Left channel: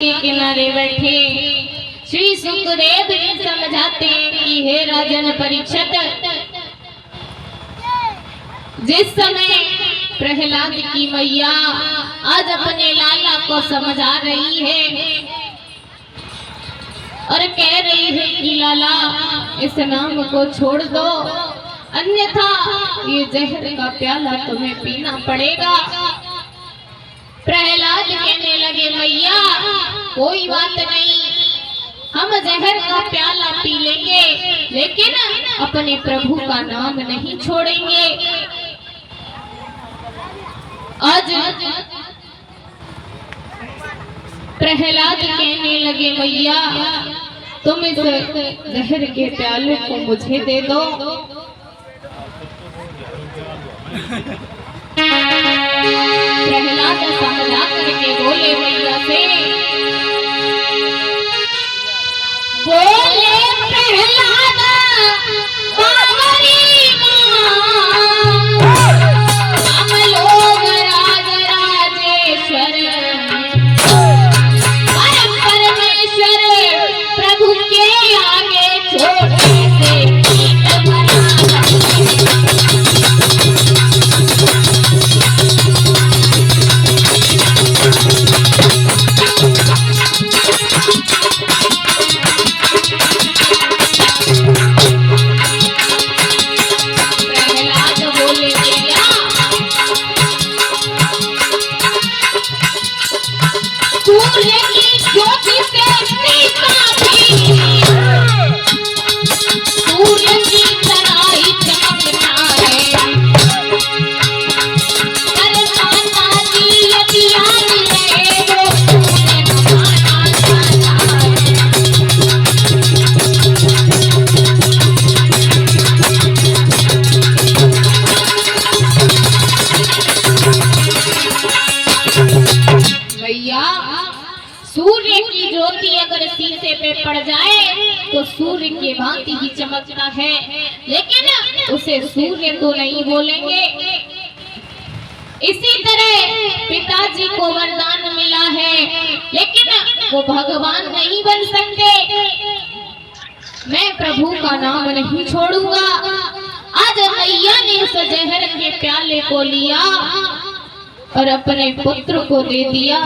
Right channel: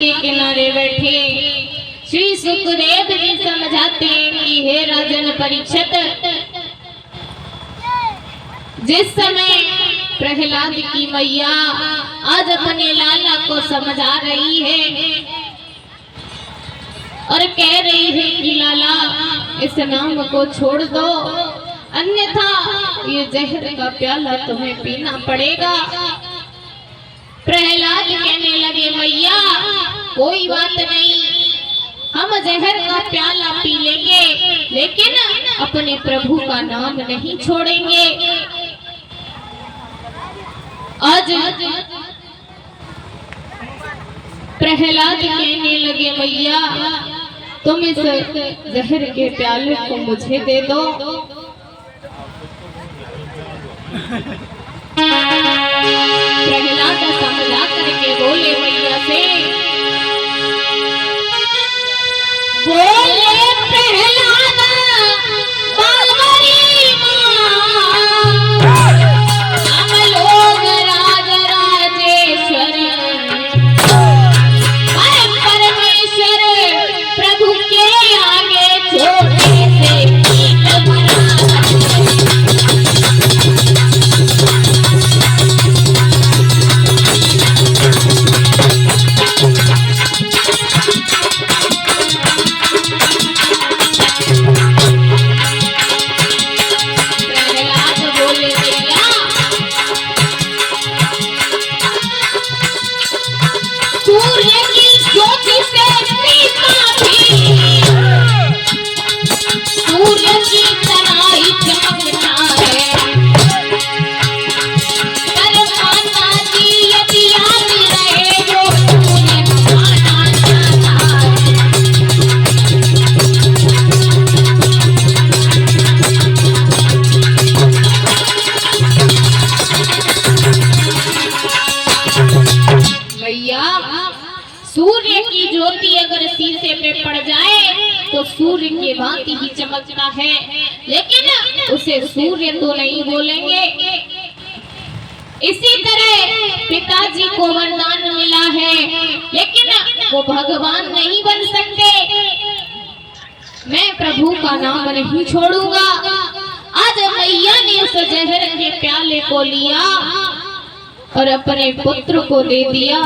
के किनारे बैठे श्री सुखदेव जी समझाते हैं कि हे राजन परीक्षित, जिस समय प्रहलाद की मैया आज अपने लाला को समझा रही है और कह रही है कि लाला इस नाम को छोड़ दो, अन्यथा ये जहर का प्याला तुम्हें पीना पड़ेगा। प्रहलाद कहने लगे मैया कोई बात नहीं, हम जहर का प्याला पी लेंगे लेकिन अपने प्रभु का नाम नहीं छोड़ेंगे। आज प्रहलाद कहने लगे मैया तुम इस जहर के प्याले को मुझे दे दो। प्रहलाद समझा करके बोले मैया से, बोले प्रहलाद बाबरी हम लोग राज राजेश्वर परमेश्वर प्रभु के आगे छोटे से सूर्य की ज्योति अगर शीशे पे पड़ जाए तो सूर्य के भांति ही चमकता है, लेकिन उसे सूर्य तो नहीं बोलेंगे। इसी तरह पिताजी को वरदान मिला है लेकिन वो भगवान नहीं बन सकते। मैं प्रभु का नाम नहीं छोड़ूंगा। आज मैया ने उस जहर के प्याले को लिया और अपने पुत्र को दे दिया।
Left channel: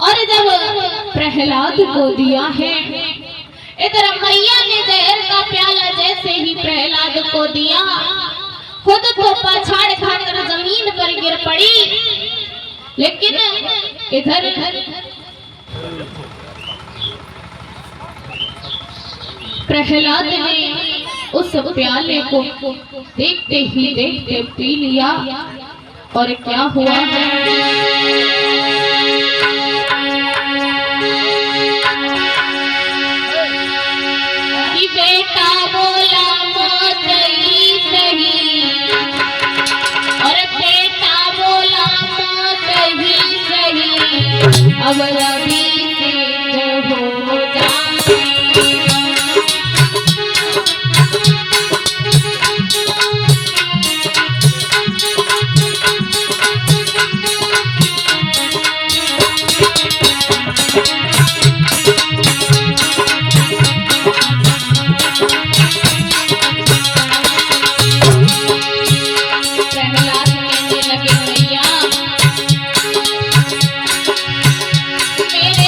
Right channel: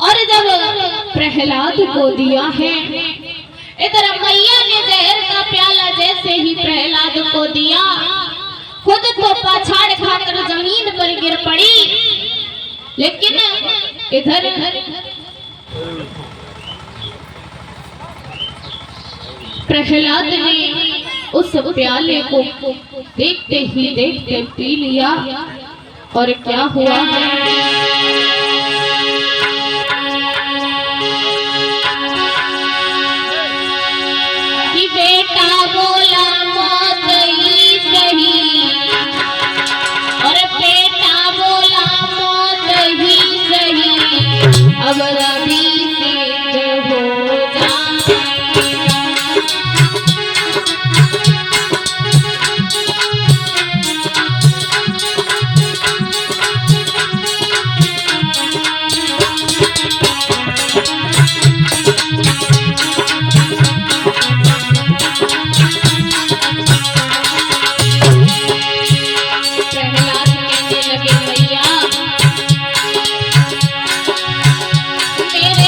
और जब प्रहलाद को दिया है, इधर मैया ने जहर का प्याला जैसे ही प्रहलाद को दिया, खुद तो पाछाड़ खाकर जमीन पर गिर पड़ी, लेकिन इधर प्रहलाद ने उस प्याले को देखते ही देखते पी लिया। और क्या हुआ है, कि बेटा बोला मौत ही सही और बेटा बोला मौत ही सही, अब रवि से हो जाए। मेरे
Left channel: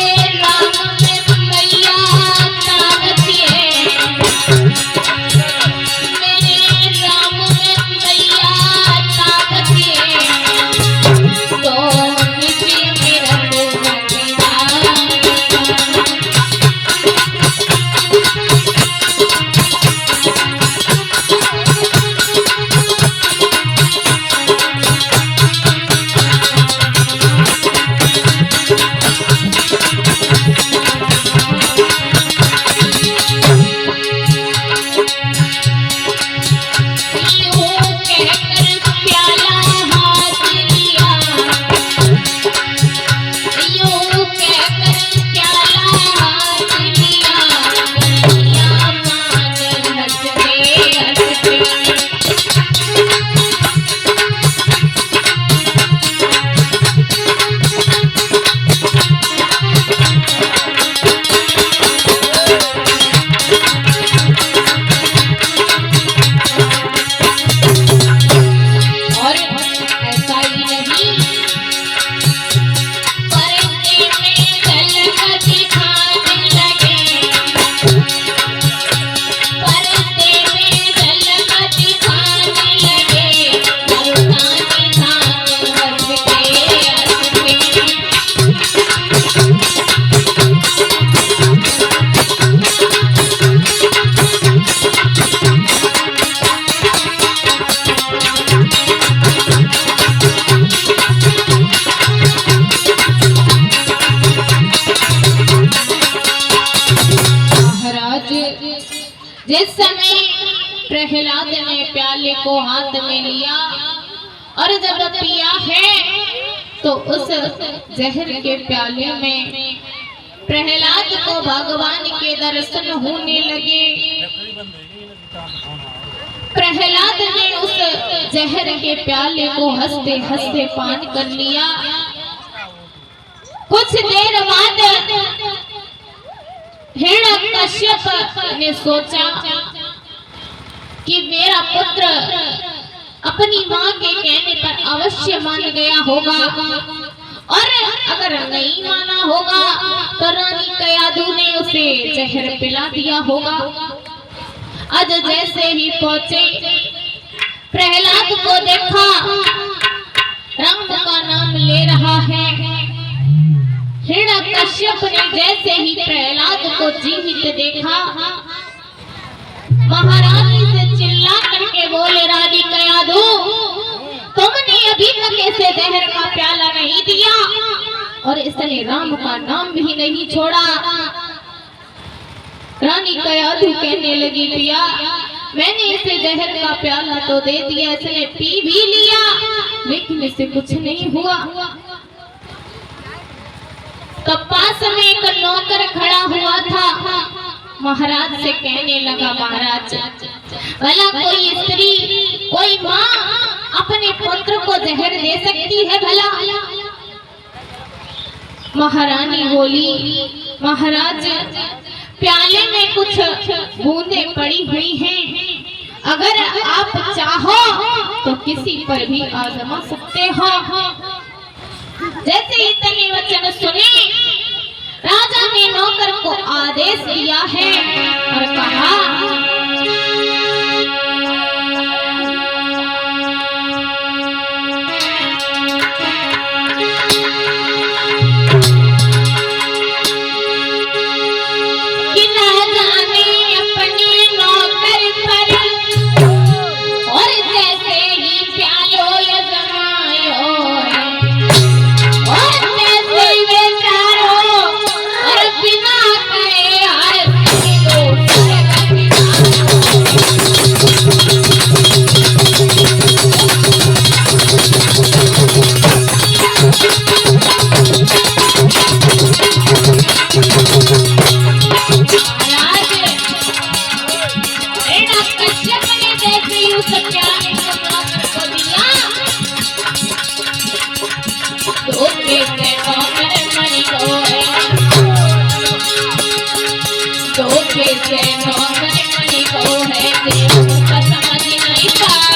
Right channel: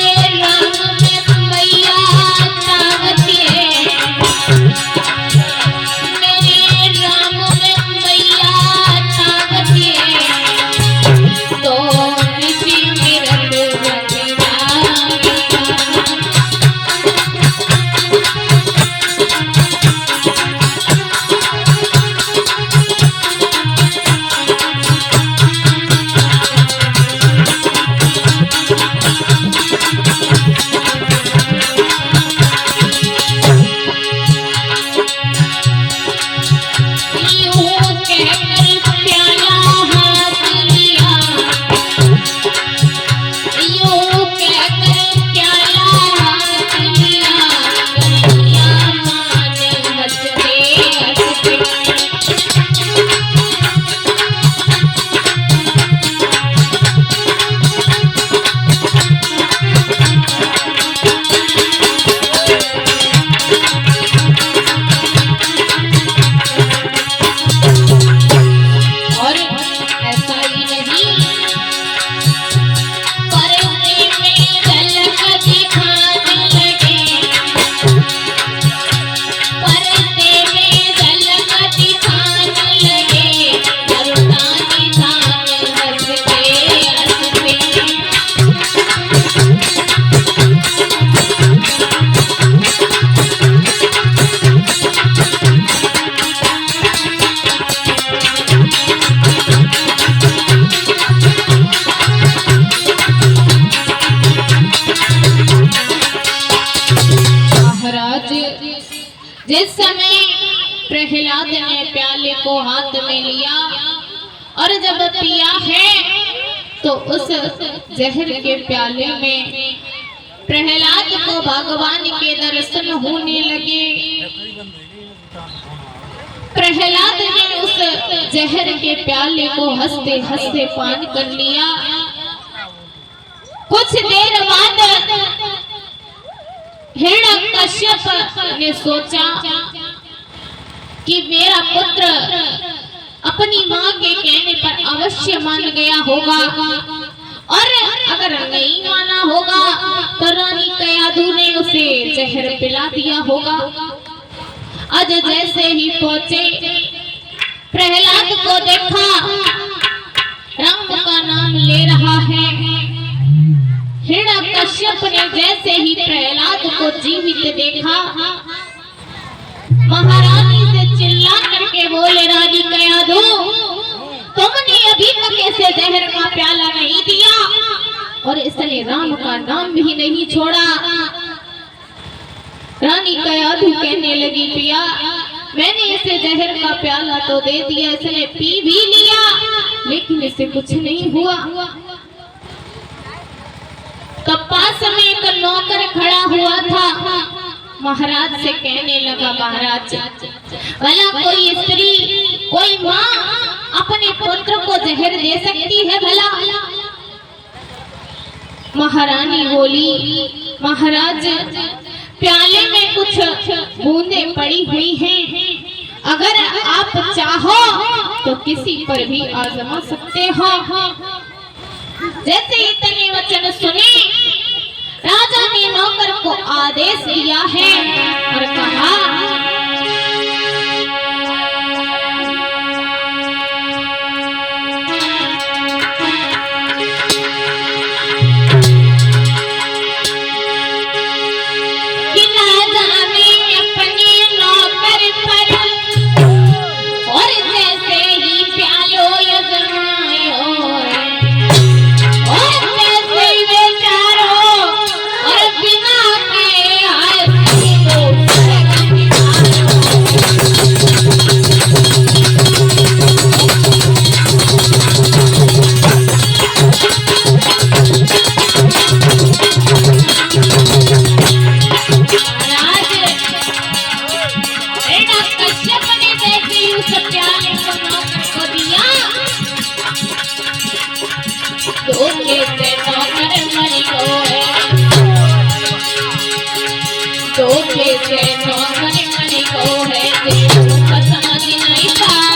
जिस समय प्रहलाद ने प्याले को हाथ में लिया और जब पिया है तो उस जहर के प्याले में प्रहलाद को भगवान के दर्शन होने लगे। प्रहलाद ने उस जहर के प्याले को हंसते हंसते पान कर लिया। कुछ देर बाद हिरण्यकश्यप ने सोचा कि मेरा पुत्र अपनी माँ के कहने पर अवश्य मान गया होगा, और अगर नहीं माना होगा तो रानी कयाधु ने उसे जहर पिला दिया होगा। आज जैसे ही पहुंचे, प्रहलाद को देखा, राम का नाम ले रहा है। हिरण्यकश्यप ने जैसे ही प्रहलाद को जीवित देखा, महारानी से चिल्ला करके बोले, रानी कयाधु, तुमने अभी तक इसे जहर का प्याला नहीं दिया और इसने राम का नाम भी नहीं छोड़ा। रानी कयाधु कहने लगी, पिया, मैंने इसे जहर का प्याला तो दे दिया, इसने पी भी लिया, लेकिन इसे कुछ नहीं हुआ। तब पास में एक नौकर खड़ा हुआ था। महाराज से कहने लगा, महाराज, भला कोई स्त्री, कोई माँ अपने पुत्र को जहर दे सकती है भला? महारानी बोली, महाराज, प्याले में कुछ बूंदें पड़ी हुई हैं, अगर आप चाहो तो किसी पर भी आजमा सकते हो। जैसे इतने वचन सुने, राजा ने नौकर को आदेश दिया है और कहा, कि राजा ने अपने नौकर पर और जैसे ही प्यालो यजमायो और जैसे बेचारो और बिना के आए कश्यप ने जैसे ही उस प्याले को नौकर को दिया, धोखे से नौकर मर गए, धोखे से नौकर मर गए, समझ नहीं पा